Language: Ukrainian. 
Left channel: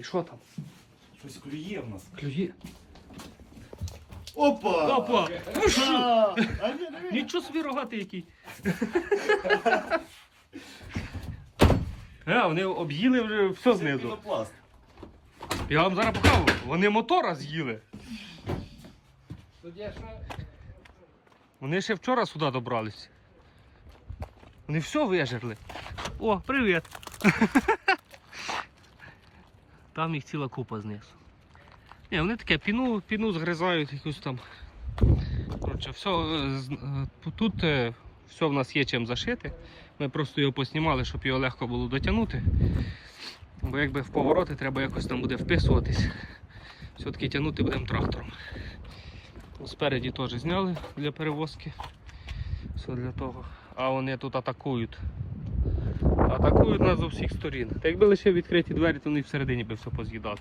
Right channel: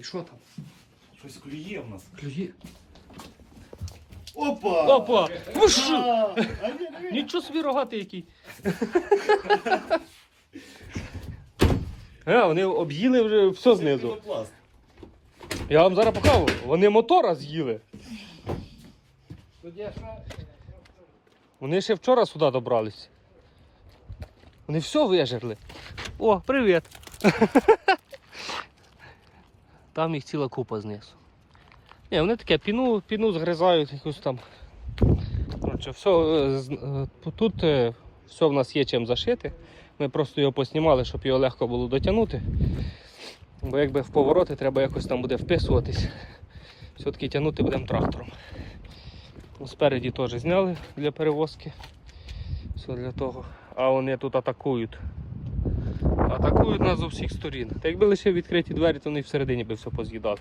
відкрий, що там? Щось клює в нас. Клює. Опа! Опа! Ну що? А ні, диви. Нічого собі рогатий який. Вони об'їли вже все знизу. Пінопласт. Я вам зараз покажу, вони мотора з'їли. Вони ще вчора сюди добрались. Вони все вижерли. О, привіт! Там їх ціла купа знизу. Ні, вони таке піну згризають якусь там. Тут все в нас є чим зашити. Ми просто його поснімали, щоб його легко було дотягнути. Бо якби в повороти треба якось там буде вписуватись. Все-таки тягнути будемо трактором. Спереді теж зняли для перевозки. Все для того. А вони тут атакують. Атакують нас з усіх сторін. Та якби лише відкриті двері, то вони всередині би все поз'їдали.